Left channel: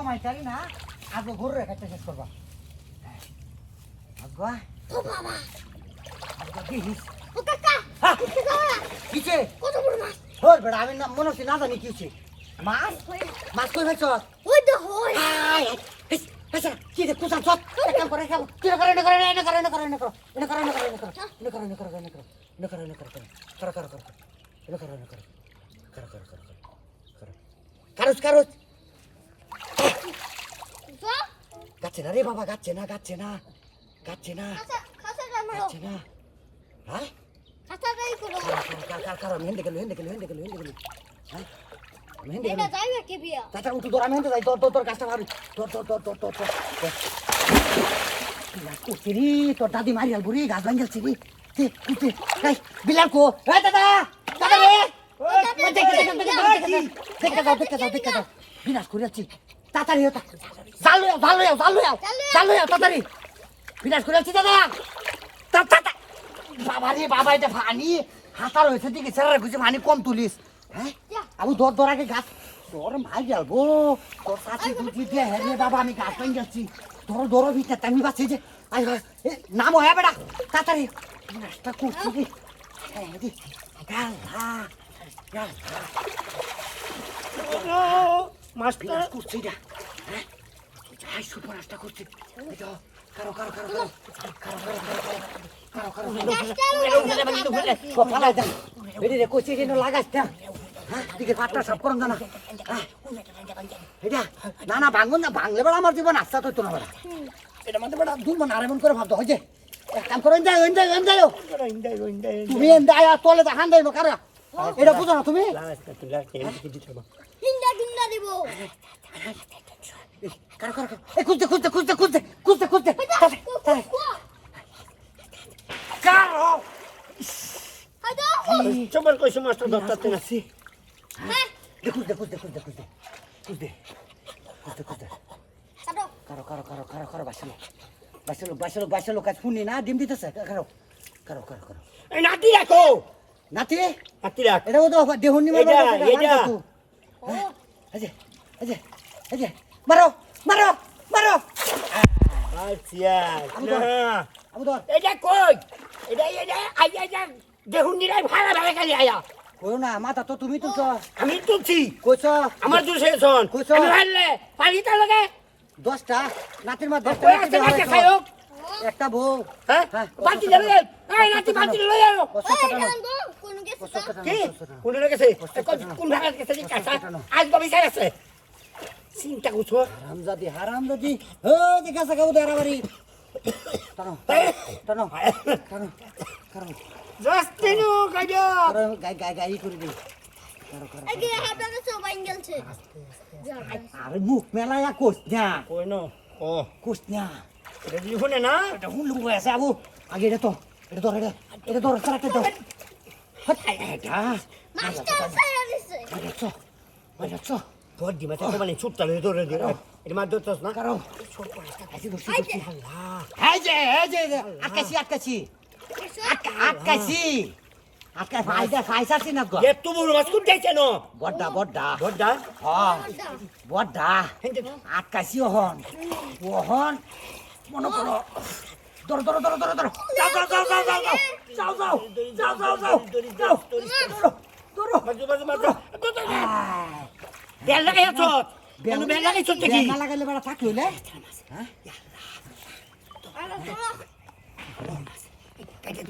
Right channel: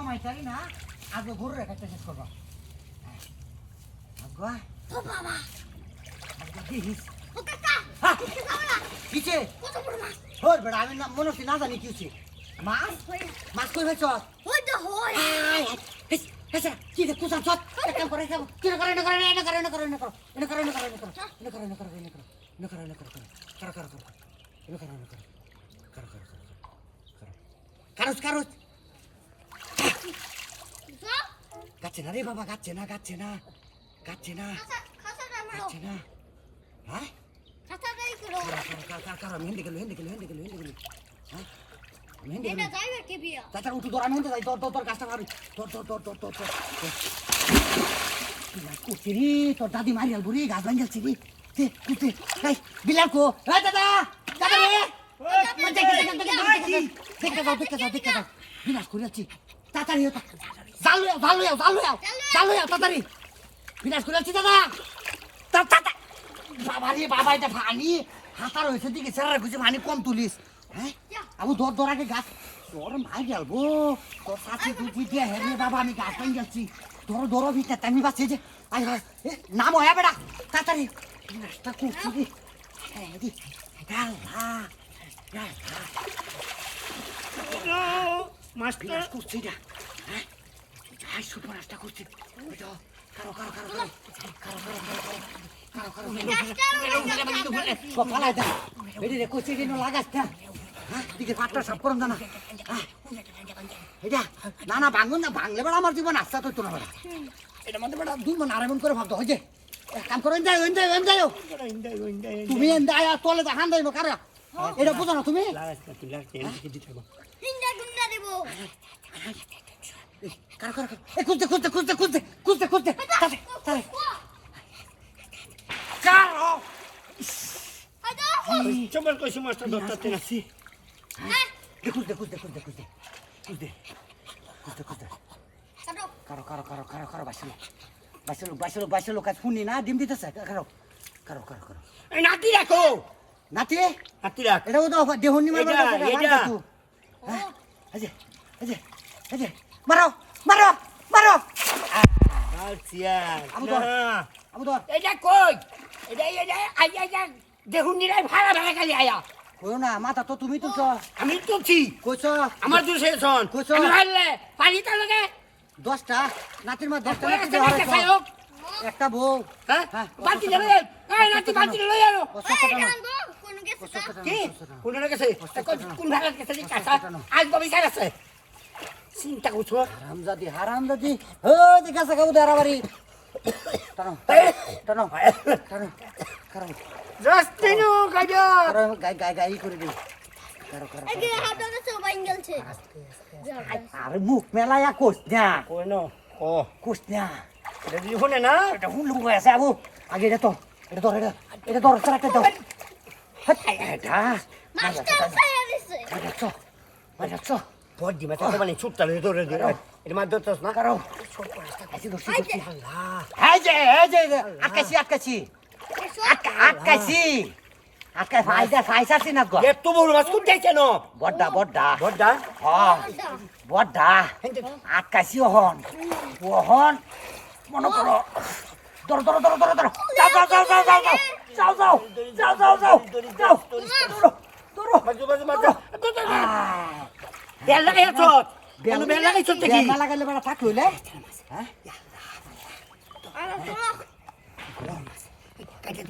কমাইতারি না আগে ঘুরে রেখাতে শেষ করবা আগুয়া ও বাবা আগুয়া দিস ও কাকা কিছে কত বড় মাছ হর বড় আমি না মনে হচ্ছে না জানি কি হচ্ছে মাছ মাছ কই ফেলছ ওই তো হয় আয় আচ্ছা কি রে কুসান সব এক কাম করে খাবো কি করে না করে না করে না করে না করে না করে না করে না করে না করে না করে না করে না করে না করে কর কর কর না করে না করে কর কর কর কারুস কারুস গাচ্ছে না রে বাবা গাচ্ছে না গাচ্ছে না গাচ্ছে না খাসাটা মারো গাচ্ছে না হ্যাঁ খাসাটাই করো কার মেহেন্দি গেল হ্যাঁ মেহেন্দি এটা যাইবে কে বিয়া চাচা উঠু তোর আমি হেঁটে যাই তোর কাজটা ভাবি তোর কুচিরি তোর দাদি মারি আল বুড়ি গাছ ভাঙ গেলছি রে বিলাল কো দাদা দাদা রে দেখতে যাও বিনাশ করে যাচ্ছি তাড়াতাড়ি হতা জাল লইয়া তাড়াতাড়ি বিনাশ করে যাচ্ছি দাদা বাবা রে বাবা এটা পানি হাতার হয়েছে দিকে ছেড়ে খুঁজে পানি কম তুলিস হ্যাঁ আবু দর আগে গাছ তোর মাই গেলবো তোর সাথে দুটি দিয়ে হেরে বাবা আমি গাছ ভাঙ যাচ্ছি ধরো ভিতরে আমি বাঁচি যে আই নাম হয়ে বেড়া তাড়াতাড়ি বিনাশটা করছি রে মাছ বিনাশ করছি না হ্যাঁ সুপার রাস্তা করছি কারো সকালে দেন বেরি রে কোচি রে লাগাস না হ্যাঁ দিকে পাটটা সাফ করুন না এটা না ভাঙুন না ভাঙলে বেড়া আমার জীবন আস্থা তো না বেড়া এটা মধ্যে বেড়া দুলবো না এমন করে ভাবতো হয়েছে এক কাম করো যাই তুমি তোলে দেখান দেয় কারা এটা বুঝো না তুমি হিন্দা গুন্ডা দেব কারো খুঁজতে কারো চমর কইছো মাস্টার দত্তাতে না খুঁজতে কারো বাসলো কাজ শুনি না ডিম দিতেছে কারো এই নাতি রাখো নাতি নাতি রাখ এটা তো দেহনি মারবা এটা এই যে মারো আচ্ছা আবু ধর এটা কই এটা আইয়া দেখুন নিরাই ভাড়া খালি আয়া কইও না মাথা তো তুমি তুলছো আমি তুলছি কইছ আমার দূর সেশন কইছো? আমি হারলে পানি তো লাগে 10টা নাতির মা 10টা ওই একটা নাতি খাইও একটা বউ হ্যাঁ হ্যাঁ, বালতি যাবে এই নাতি বালতি লই আনো কোন গেছে কি কোন গেছে কোন ভাড়া গেছে কাঁচা আজ বাবি স্যার আছে চিন্তা করছো হারামজাদি ও দেখা সাকা উদারা বাড়ি টানো জাস্তিনু গাজা গাই করে দিই এই হাতটা সবাই গেলছে আরে মুখ মেলায়া কোস না কই নো ও কোস না এটা দি হনে না এটা হুলু হয়ে আছে আবু আগে এটা ধর একটা দাও এটা মাস্টার ছায়া দিছে বাজাচ্ছ পর দি মাথা তো মানে ছুটতা লই ধরে এটা মার দতস না কারো আইছি ধরছি আল্লাহ এই যে আটকাছি ফাইসাছি না গো এত বড় মাছ কোন যাইছে না বড্ডা বড়দা হ্যাঁ বড্ডা আটকাছি ওহন মনে করো ধরো যাও বেল লাগাইছো বেল লাগাইছো দেখি বেল লাগাইলে বেলা থাকলো হ্যাঁ আর